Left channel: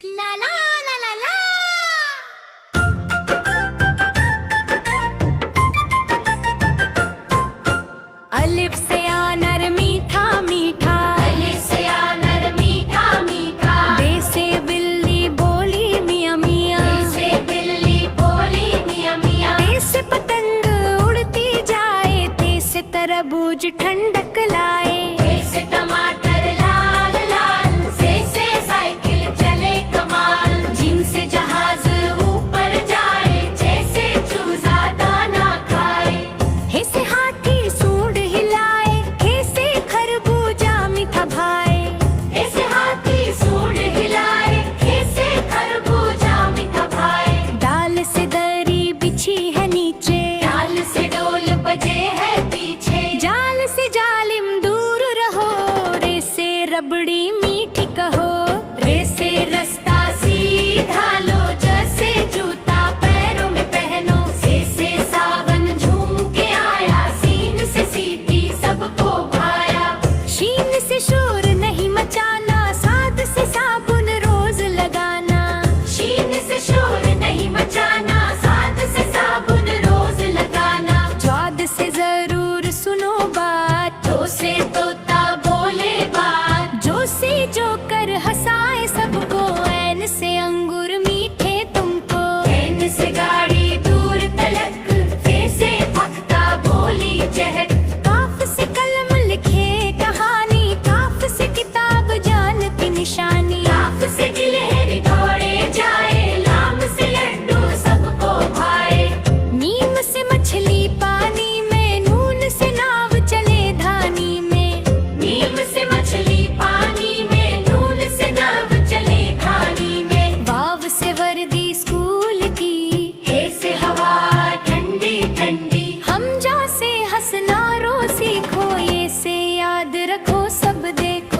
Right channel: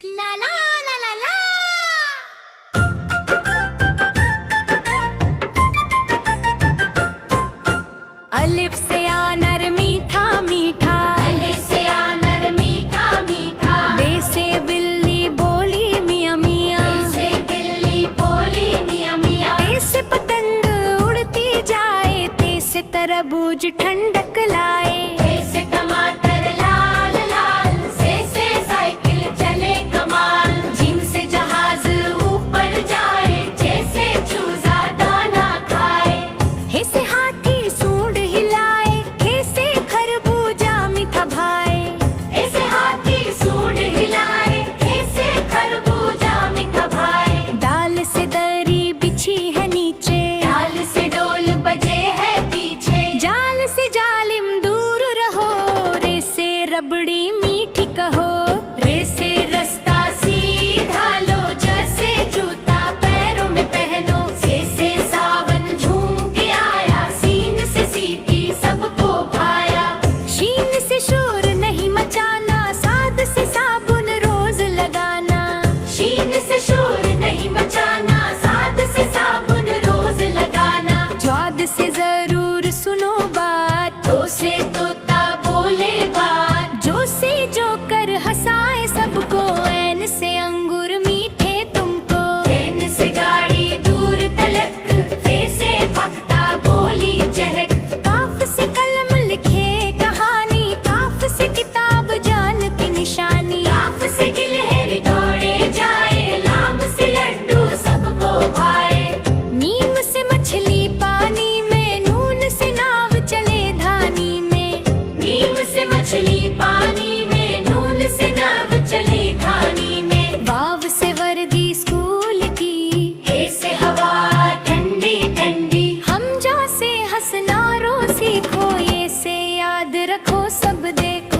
ला ला ला ला ला। अलिफ से आनर मीठा मीठा, अलिफ से आनर मीठा मीठा, बे से बिल्ली बोली मियां मियां, बे से बिल्ली बोली मियां मियां, ते से पतंग उड़ती जाए, ते से तरबूज ठंडक लाए, ते से टमाटर लाल लाल, से साइकिल चले कमाल, जिन से जहाज ऊपर जाए, जैसे चूजा दाना खाए, हे से हाथी सूंड हिलाए, हे से खरबूजा मीठा भाए, ऐसे हाथी सूंड हिलाए, ऐसे खरबूजा मीठा भाए, डाल से दरी बिछी है नीचे, डाल से डोल बजे है पीछे, जाल से जालिम दूर रहो, रे से रबड़ी मीठी कहो, रे से रास्ता सीधा लो, जैसे जूता पैरों में पहनो, से सावन झूम के आया, सीन से सीटी सबको भाया, शीन से शोर नहीं मचाना, साद से साबुन रोज लगाना, शीन से शोर नहीं मचाना, साथ से साबुन रोज लगाना, ज्वाद से जरूर सुनो बात, तो से तोता बोले बात, जो से जो कर हंसाए सबको, ऐन से अंगूर मीठे तुमको, ट्रेन से गाड़ी दूर तलक, से भागता बोली चहक, काफ से कलम लिखे कहानी, काफ से किताब जान की निशानी, लाफ से गिलहरी दौड़े जाए, लाम से लड्डू सबको भाए, नीम से मछली पानी में, नून से नाव चले धानी में, नीम से मछली पानी में, नून से नाव चले धानी में, वाव से वर्दी स्कूल की, हे से हवा ठंडी ठंडी, हम जा से हंसना रो सीखो, ये से याद रखो सब देखो।